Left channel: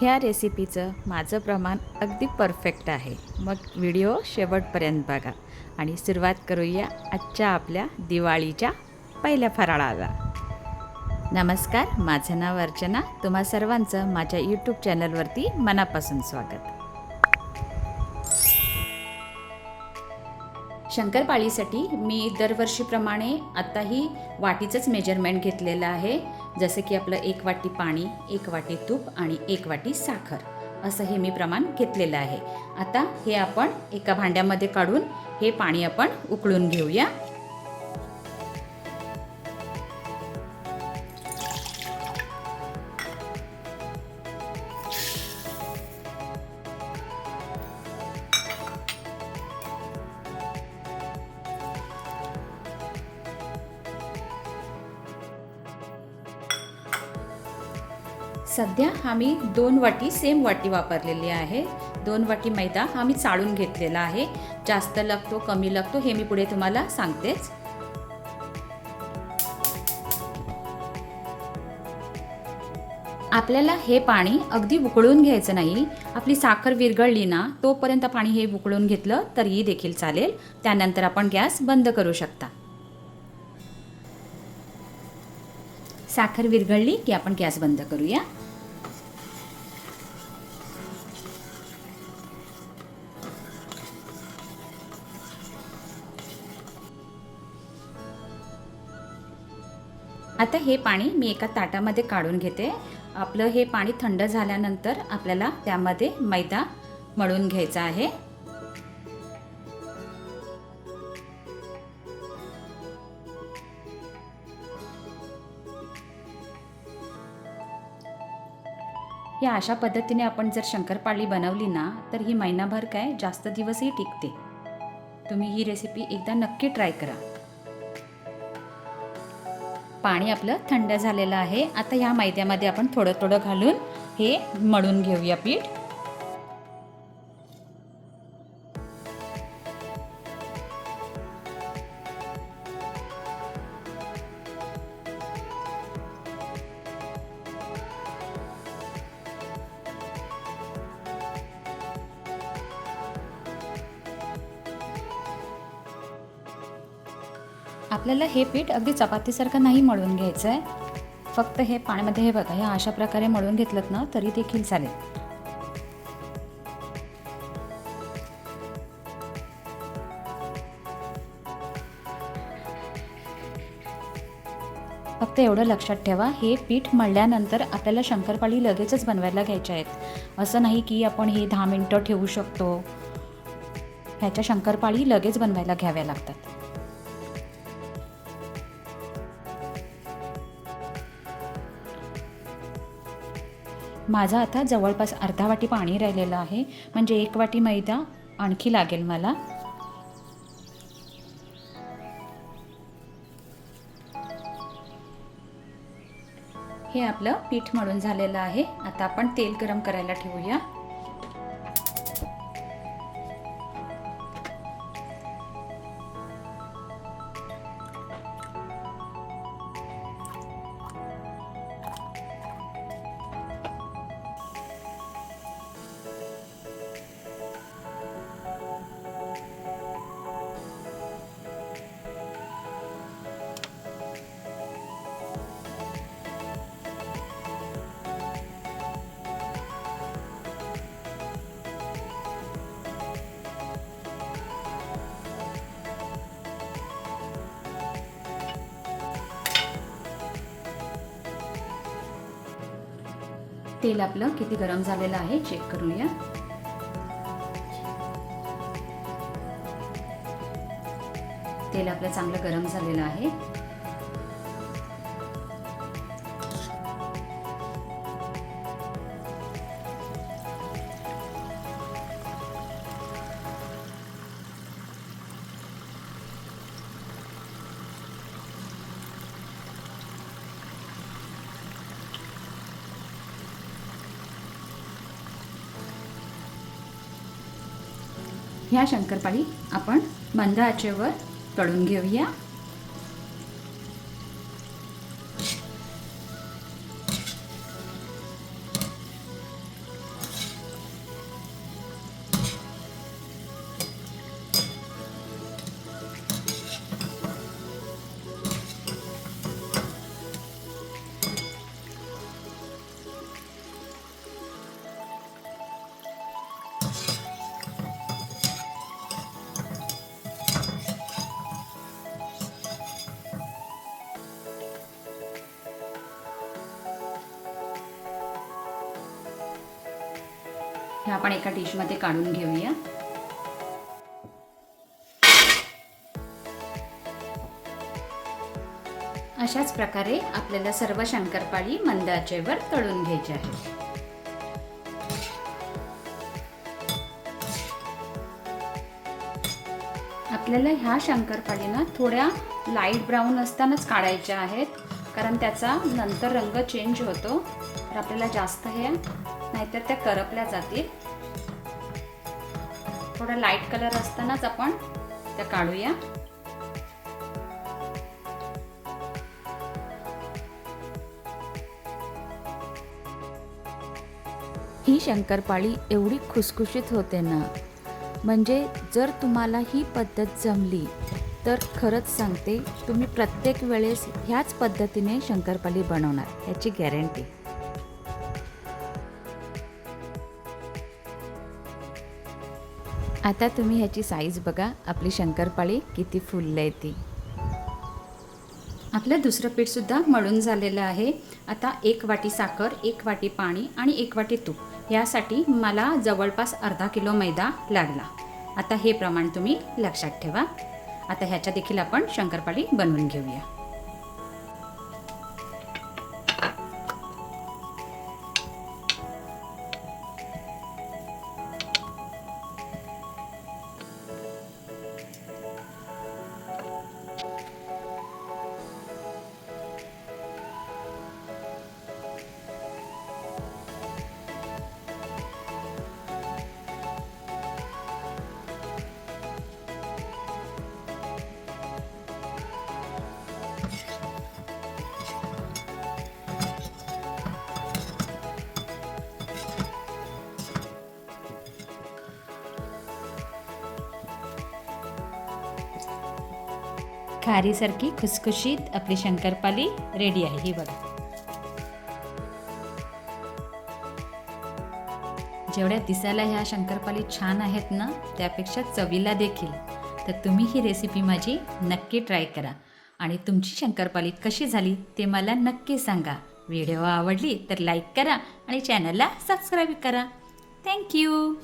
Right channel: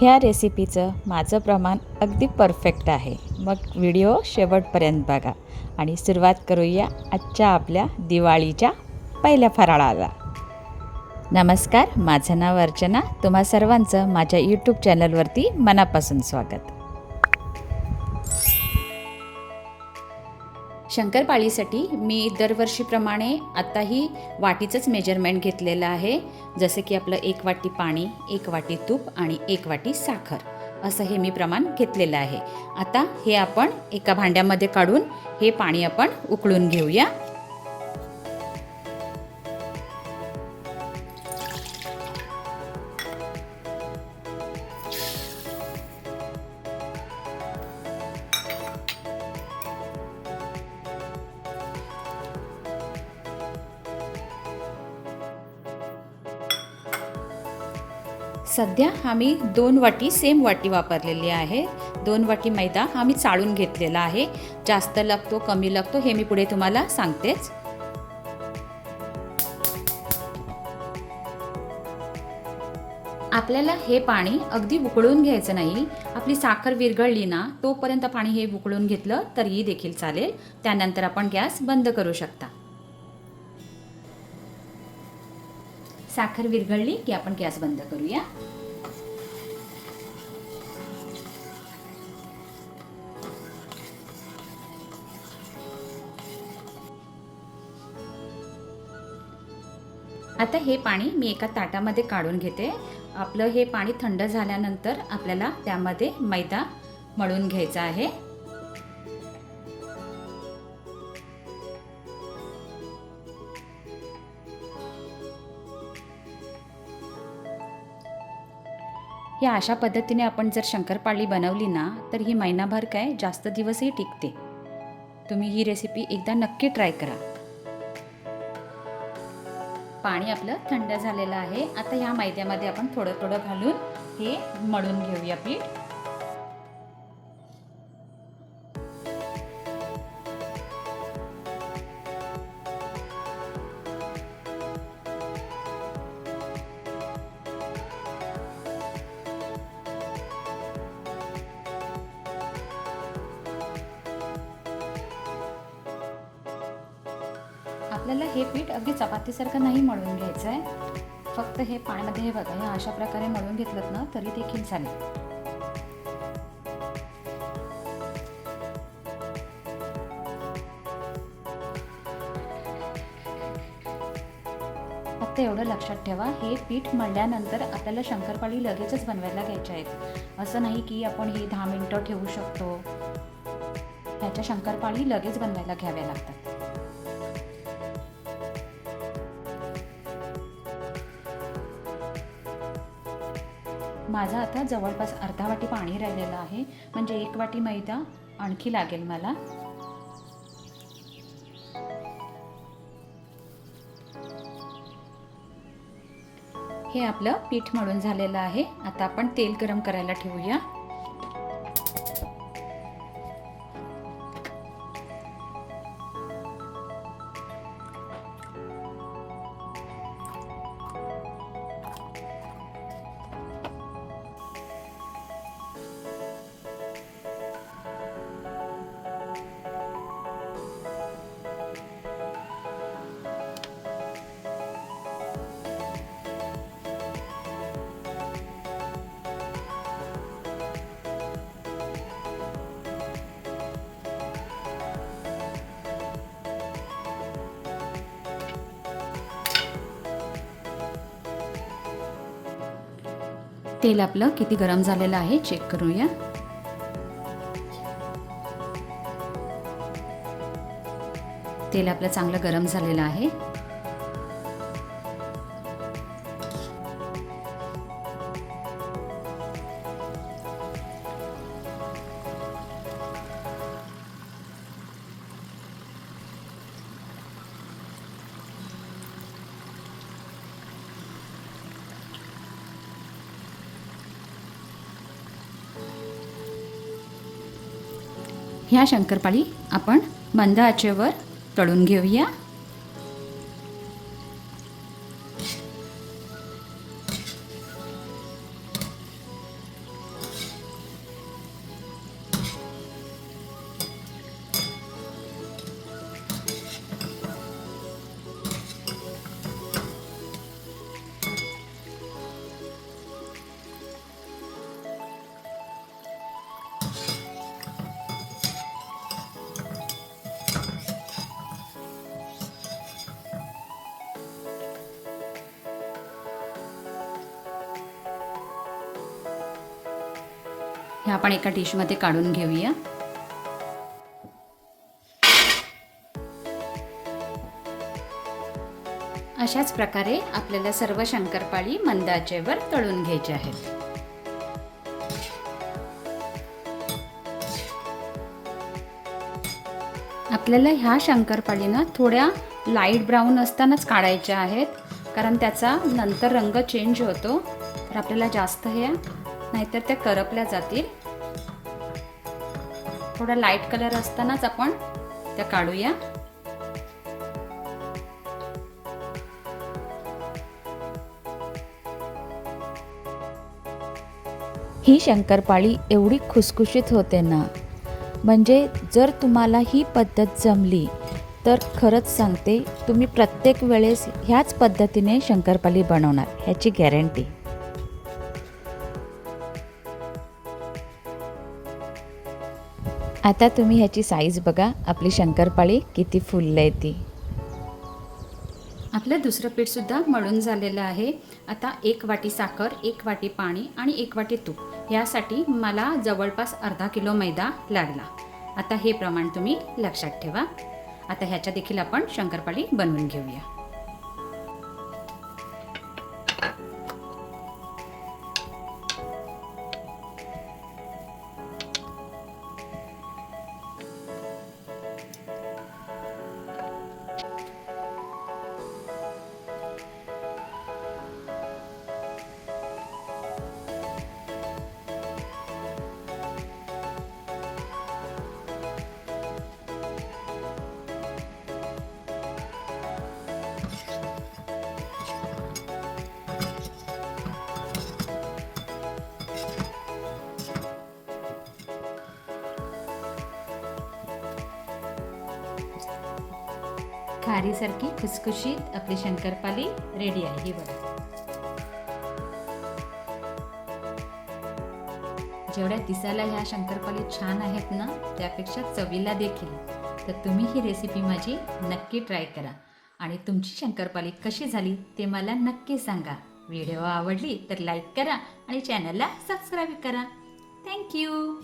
ह्या रेसिपीचं माझं प्रमाण अगदी परफेक्ट आहे. मग व्हिडिओ शेवटपर्यंत बघा आणि सुरुवात करूया आजच्या आपल्या दिवाळीच्या पहिल्या फराळाला. नमस्कार, माझं नाव अर्चना. तुम्हा सर्वांचं माझ्या यूट्यूब चॅनलवरती मनापासून स्वागत. शंकरपाळीसाठी मी दरवर्षीप्रमाणे आत्ताही वाटीचंच मेजरमेंट घेतलेलं आहे. जसे की आपलं 1 वाटी पाणी, 1 वाटी तूप आणि 1 वाटी साखर, असं हे मी प्रमाण घेतलेलं आहे. आता हे आपण एका भांड्यामध्ये काढून हे पाणी आपण उकळून घेऊया. सध्या आम्ही 2 वाटी सेम वाटी वापरलेली आहे. 2 वाटी मैदा आम्ही चाळून घेतलेला आहे. जास्त लागतो कमी लागतो हे मी पुढे तुम्हाला सांगतेच. आपल्याला हे पाणी अगदी उकळून घ्यायचं नाही. आपली साखर विरघळली ना तोपर्यंत पाणी हे उकळून घेतलं तरीही देखील चालेल. त्यानंतर आपण गॅस बंद करू शकता. साखर विरघळली की आपण गॅस बंद करूया. आता हे पाणी मी एका ताटामध्ये काढून घेते. आपलं हे पाणी थंड झाल्यानंतर आपल्याला त्यामध्ये मैदा मळून घ्यायचा आहे. या अशा पद्धतीने आपण जर शंकरपाळी बनवली ना तर ही महिनाभर काय जास्त दिवसही टिकते. तुम्ही ही रेसिपी एकदा नक्की ट्राय करा. पाणी आपलं थंड झालेलं आहे. आता ह्या मैद्यामध्ये आपण थोडं थोडं घालून हे मळून घेऊया पीठ. आपल्याला हे पीठ अगदी चपातीसारखं नाही मळून घ्यायचं आहे. फक्त हे पाण्यामध्ये हे बघा, ह्या अशा प्रकारे मळून घेतलं ना तरी देखील चालेल. फक्त एवढं लक्षात ठेवा, हे पीठ मळल्यानंतर आपल्याला शंकरपाळी लगेचच बनवायला घ्यायच्या आहेत. असं नाही की आपण हे 10 मिनिटं ठेवू शकतो. ह्याच्या शंकरपाळी लगेच बनवायला घ्याव्या लागतात. माझं आता जवळपास अर्धा वाटी पाणी राहिलेलं आहे. म्हणजे 1 वाटी मैदा आणखी लागेल मला. हे आपलं पीठ मळून झालेलं आहे. आता आपण तेल गरम करायला ठेवूया. तेल आपलं किती गरम झालेलं आहे चेक करूया. तेल आपलं चांगलं गरम झालेलं आहे. ह्या शंकरपाळी आपण मंद आचेवर तळून घेऊया. हे आपण एका डिशमध्ये काढून घेऊया. अशाच प्रकारे आपल्याला सर्व शंकरपाळी मंद आचेवर तळून घ्यायचे आहेत. आपल्याला ह्या शंकरपाळीना थोड्या लाईट ब्राऊन असतानाच काढायच्या आहेत, कारण त्याचा नंतर रंग चेंज होतो. तर आपल्याला जास्त हे नाहीतर त्या करपल्या जातील. थोडा लाईट कलर असतानाच आपण त्या काढूया. ही शंकरपाळी एवढी खुसखुशीत होते ना, म्हणजे जर तुम्हाला ही पद्धत जमली तर खरंच सांगते, तुम्ही प्रत्येक वेळेस ह्याच पद्धतीने शंकरपाळी बनवणार, ह्याची गॅरंटी. आता तुम्ही ह्याची साईज बघा, आपली शंकरपाळी किती फुलली आहे ती. आपलं दुसरं पीठसुद्धा मळून झालेलं आहे. आता 1 वाटी साखर, 1 वाटी पाणी आणि 1 वाटी तूप यासाठी मला जवळपास अर्धा किलो मैदा लागला. आता हे प्रमाण तुम्ही लक्षात ठेवा. आता ह्याच्या देखील आपण शंकरपाळी बनवून घेऊया. खारीसारखी खुसखुशीत आपली शंकरपाळी रेडी आहे. ही बघा. जेवढ्या दिसायला ह्या शंकरपाळी छान आहेत ना, त्यापेक्षा चवीला देखील. तर तुम्ही ही रेसिपी माझी नक्की ट्राय करा आणि तुमची शंकरपाळी कशी झाली ते मला नक्की सांगा. व्हिडिओ आवडली तर लाईक करा आणि चॅनलला सबस्क्राईब करा. थँक्यू.